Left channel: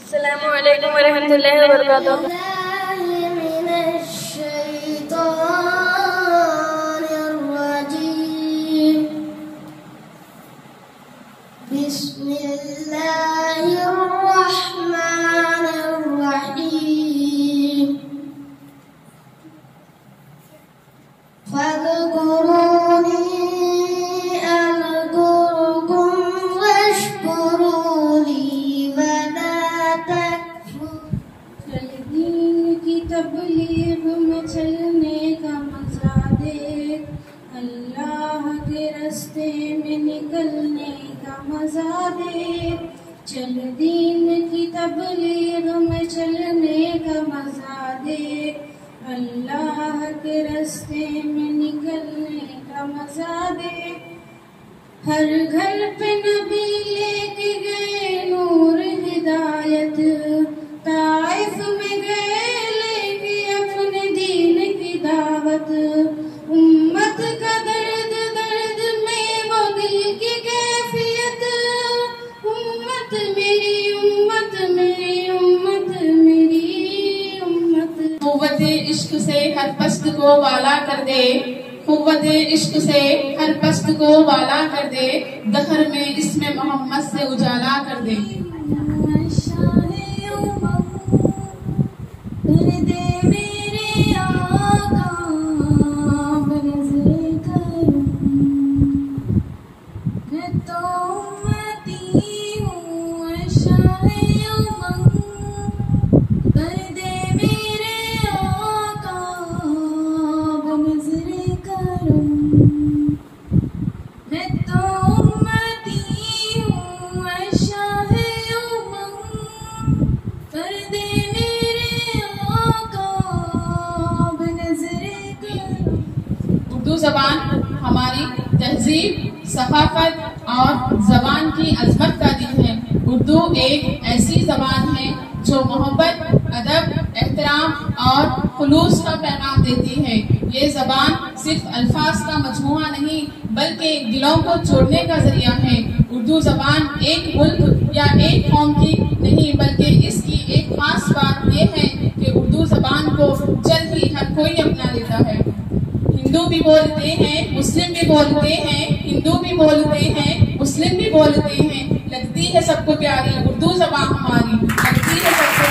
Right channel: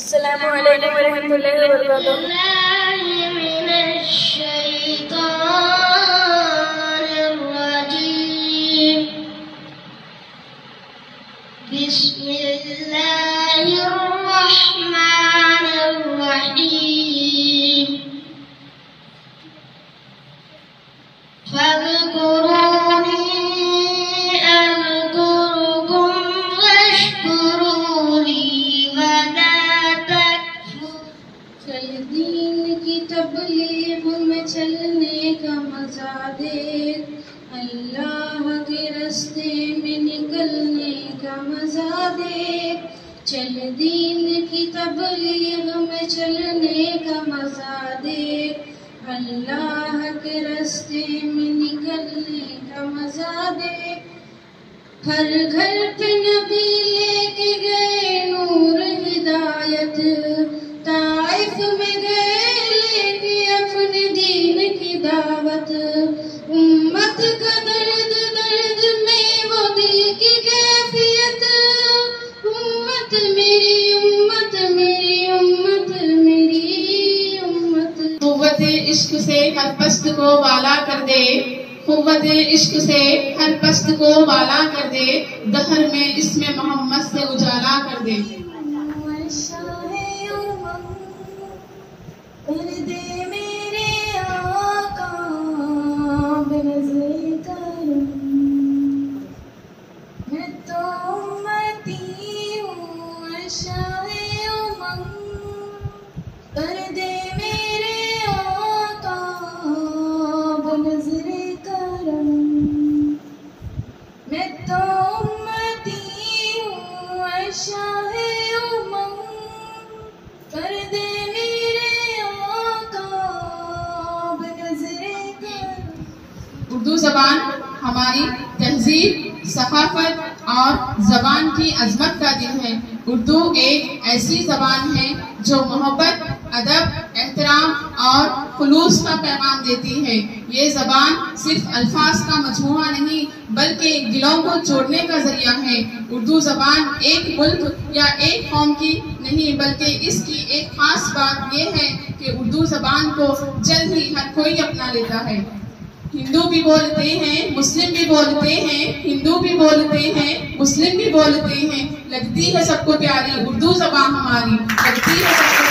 अस्सलामु अलैकुम वरहमतुल्लाहि वबरकातुहू। बिस्मिल्लाहिर्रहमानिर्रहीम। फ़ज़कुरूनी अज़कुरुकुम वश्कुरूली वला तकफुर। चल दीन की तबलीग में चलने का मजा देख, अल्लाह के रास्ते में निकलने का मजा देख। चल दीन की तबलीग में चलने का मजा देख, अल्लाह के रास्ते में निकलने का मजा देख। हर घर पे नबी लेके गए नूर हिदायत, ताइफ में गए लेके अपने दीन की दावत। उम्मत का दर्द दर्द में वो दिल की कैफियत, उम्मत मेरी उम्मत मेरी उम्मत मेरी उम्मत। कुव्वत इश्क से हर पस्त को वाला कर दे, कुव्वत इश्क से हर पस्त को वाला कर दे, दहर में इसमें मोहम्मद से उजाला कर दे। उर्दू जबान हमारी तहजीब, सकाफत और जबान की अजमत का दिल है। उर्दू एक ऐसी जबान है जो मोहब्बत, अदब, एहतराम और खुलूस का पैगाम देती है। ये जबान सिर्फ अल्फाज का मजमूआ नहीं बल्कि दिलों को जोड़ने का जरिया है। उर्दू जबान एक मुल्क या एक कौम की नहीं बल्कि इसकी एक खास बात यह है कि उर्दू जबान को जल्द ही हर कोई अपना लेता है। हिंदू भी बोलते हैं, मुस्लिम भी बोलते हैं, हिंदू भी बोलते हैं, मुस्लिम भी बोलते हैं। लगती है सबको प्यारी उर्दू जबान हमारी, लगती है सबको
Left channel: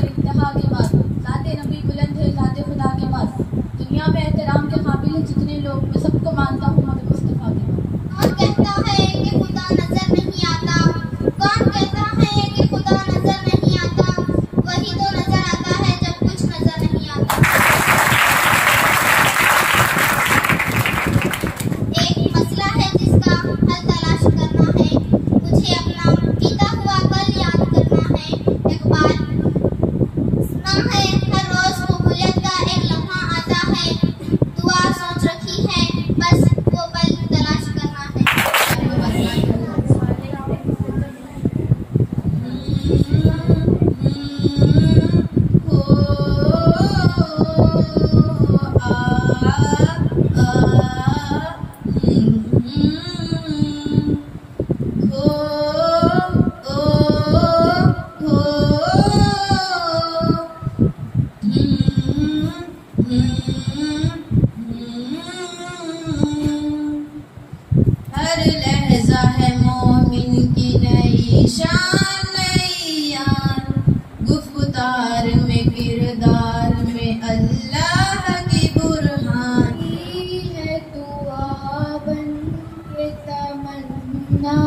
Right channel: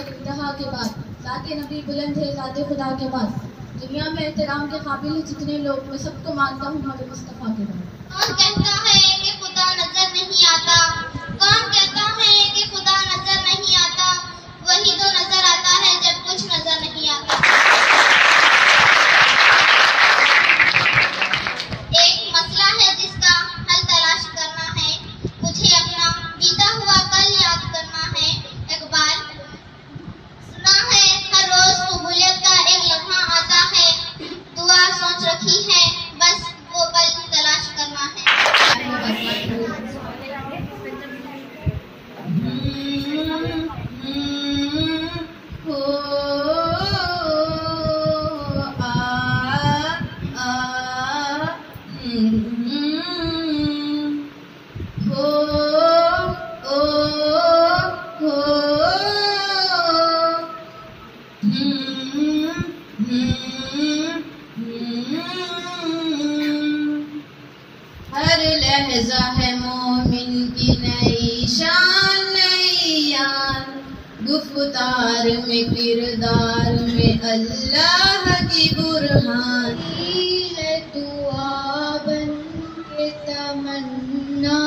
इंतहा के बाद ज़ाते नबी बुलंद है, ज़ाते खुदा के बाद दुनिया में एहतराम के काबिल जितने लोग, मैं सबको मानता हूँ नबी मुस्तफ़ा के बाद। कौन कहता है कि खुदा नजर नहीं आता? कौन कहता है कि खुदा नजर नहीं आता? वही तो नजर आता है जब कुछ नजर नहीं आता। एक मसला है जिसका हल तलाश करना है, मुझे अपना बीता हुआ कल याद करना है। इकबाल सुना है हर रोज कबूलियत का एक लम्हा आता है, दुआ सोच रखी है बस वो पल तलाश करना है। हर लहजा है मोमिन की नई शान नई यान, गुफ्तार में किरदार में अल्लाह की बुरहान। है दुआ बन के तमन्ना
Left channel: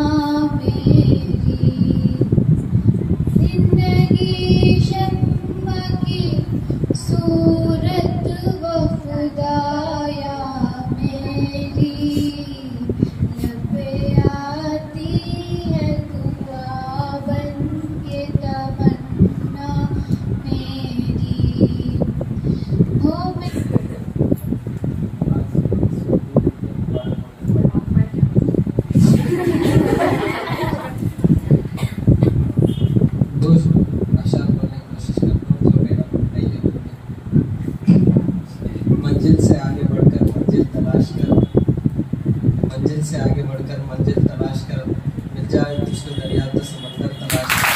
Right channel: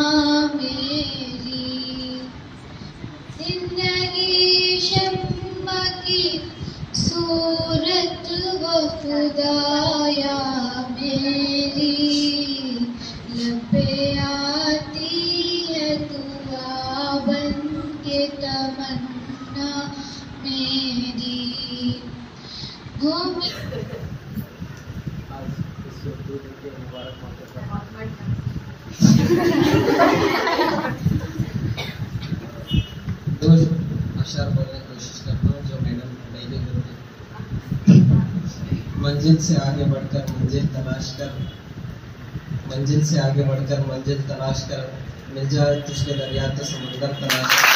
मेरी, जिंदगी शम्मा की सूरत वो खुदाया मेरी, लबे आती है दुआ बन के तमन्ना मेरी। हो दोस्त अशर बोलने की कोशिश करता हूँ जो मैडम नहीं देती। मंजिल से आगे बढ़कर मंजिल तलाश कर, मंजिल से आगे बढ़कर मंजिल तलाश कर, मिल जाए तो उसके दरियाते समंदर तलाश